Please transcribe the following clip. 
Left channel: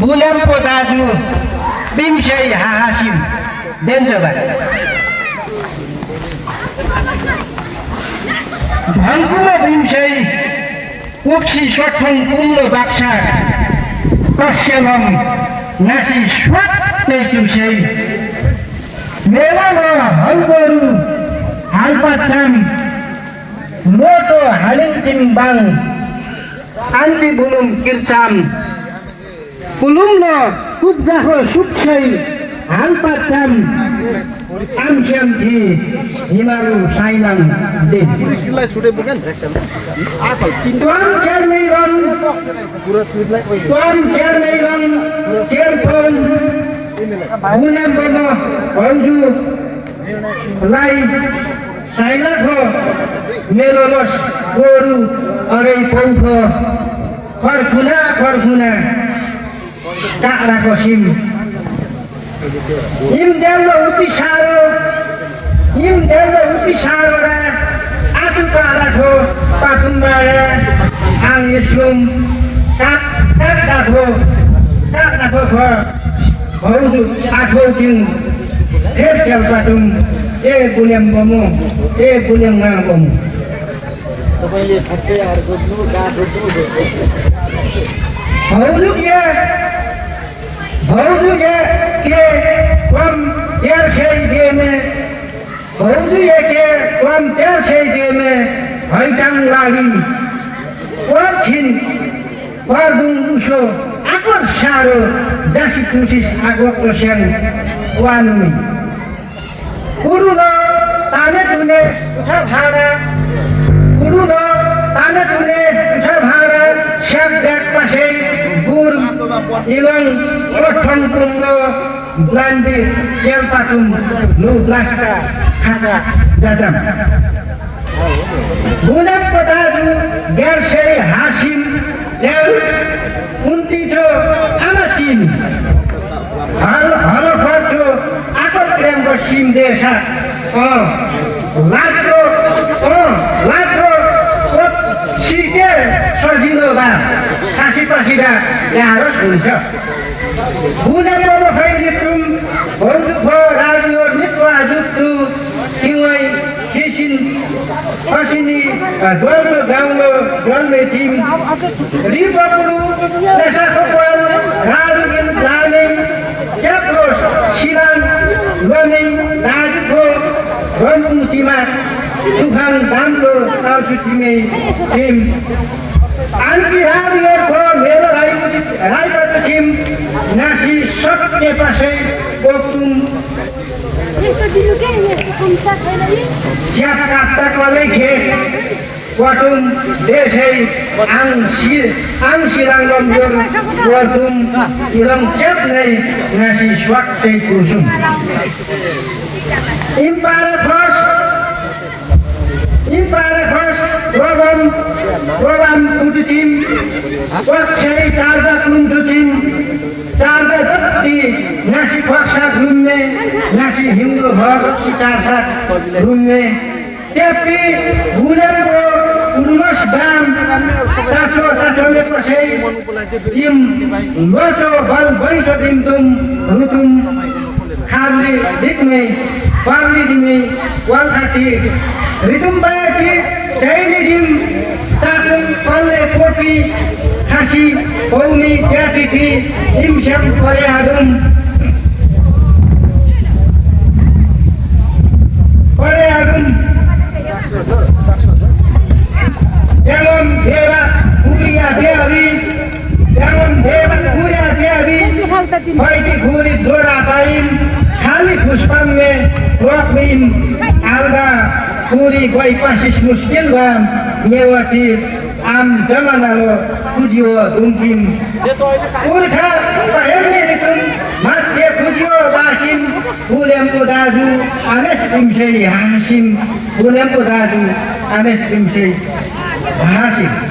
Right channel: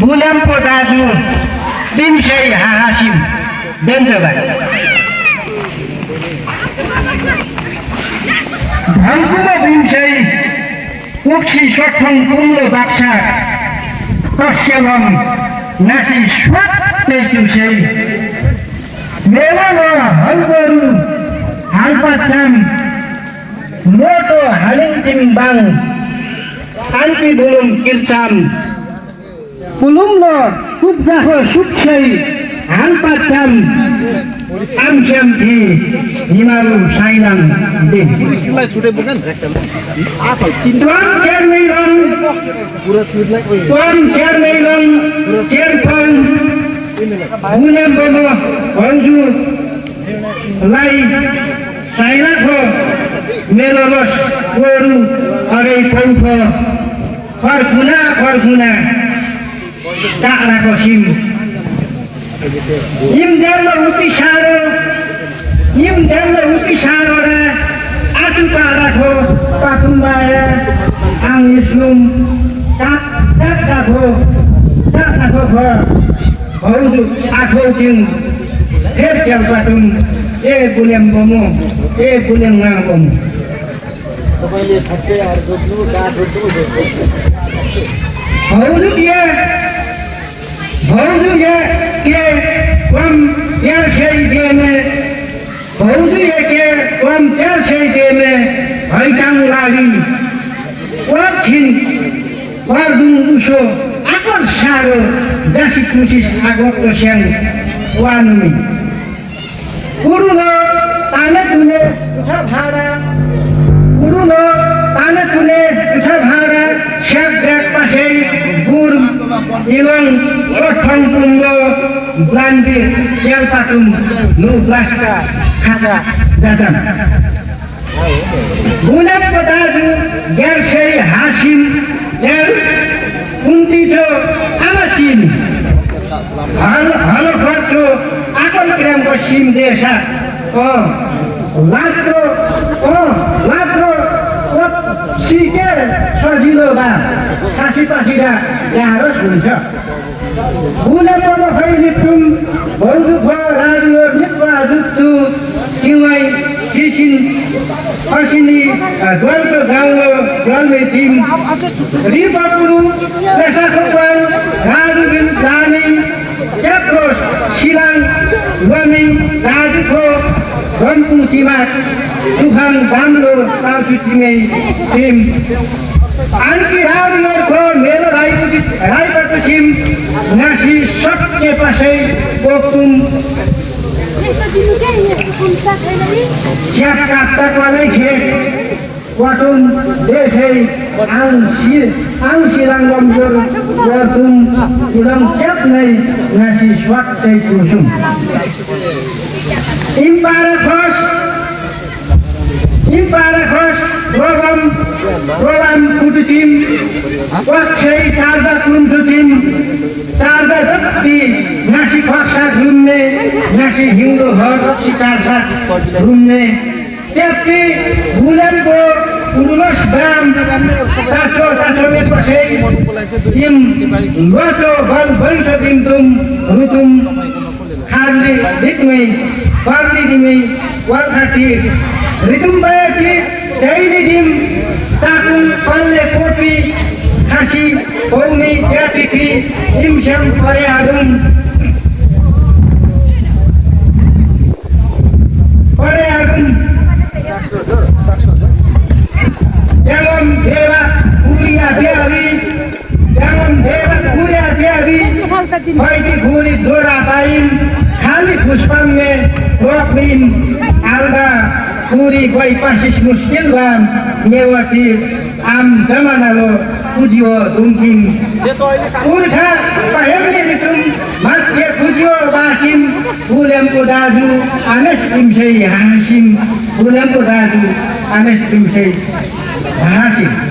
बुल्यामको दाजु बिमशै हासिम बेन्चबाट भङ्कुमा बिमशै उक्सी सोठङ कुम्लो बाक्सा पश्चिमम नासी स्वात्तै तुसै मेवालो हलगरु हालपाचाम मोटो हालिङचिम बाङ आन्ची बुलुम किर्चाम कुलुम्न कुब्जाको सुक्षै हालपाचाम आमस्याम थि हिमालु साइनाम दिन तुम शेरमेलन शेरपन बुल्याम बनो भन्जु लाई साइनाको मेरो रस गोरु अरे पौख फर्खुना काक्राको सिम इम देल्लो उति सारो रा आचु काडाको पाथुम्बारा आङ इस्लुम काक्राको ख भन्जु आखौ तिङ फेर च्याल पाटुङ ए बुल्याम बमो ए बुल्याम गाङ बमो तपाईले ठक्कै अर्को गाड रोज्नु भौजू ये के कम तेल से देने भौजू ये के कम तेल से देने हैचाङ लागि छिन पर्दुङ उसो आगत सारो जासी कुसिस आगत स्याङ वानुमी कुरुलो ताने तुने उठा भाडा स्याक ब्याग पासै गुर इलङ सोठङ कुम्लो ब्लान्डी सेलपाटुङ नु ब्लास्टा खाजा जाजाम बुल्यामको दाजु ग्यार्सै हासिम ल्याल उन्तिसो आमाचिन हलो खर्चो आकल क्रामको सिम देशा लात्रो सिके सजिलो बा खासी पासिदा गाह्रो हुन्छ बुल्यामको फैलिप्टुम भन्जु ख राडियो निप्पा जुत्तु तिवाई किसिन असिनी ज्वलको गाउँलो जल्मे थिम रिपपुरु पेसाकोपाल राडुबिन दाने च्याप्रोस सिलाङ लमेङ दाजुखो रन्पुचिमा तुफान दाम्रो तालसुचिमै थिम आन्ची राडियोको मेरो राईबाट छिम नासी सत्य पासै पोक्तुम स्याप काप्ताको लेखे क्वाटुम देशै आङसिराङ्गम गर्तुम इडम च्याप नै नासी स्वाक्तै कुसुम इम्पारा खस प्रोग्राम कुटुचिम पक्षै चार्दा कुन्टुचिम चार्दा जति नासी फक्सा घुम्ने नासी हिउँदो घर रक्सी चारसात घुम्ने त्यति बुल्यामको उन्नस दाम चाचो पसै इम गचो बल भैसो दिमतुम रुतुम खाली दिक्मै पार्ली दिमै वालखाटी रितुम बायाटी चैली दिम चाकुल पल्ले कोपी खासी पौनी ट्यापिकी इमस्याम पर्यादुम যেমন দেবা কুড়িয়া দেবী হয়টি ভুলি ধরা পাইম खाली पुष्पांगे रोकलिम आलदा पूरी गई पासिस मुस्किल बाम नेवती आम जमानालो पुजियो दुमथिम पुर्खा पहेर्ने रितुम मान्छे पुजियो बाकिम बुल्यामको दाजु आनेस पिमसै हासिम बुल्यामको दाजु आनेस पिमसै हासिम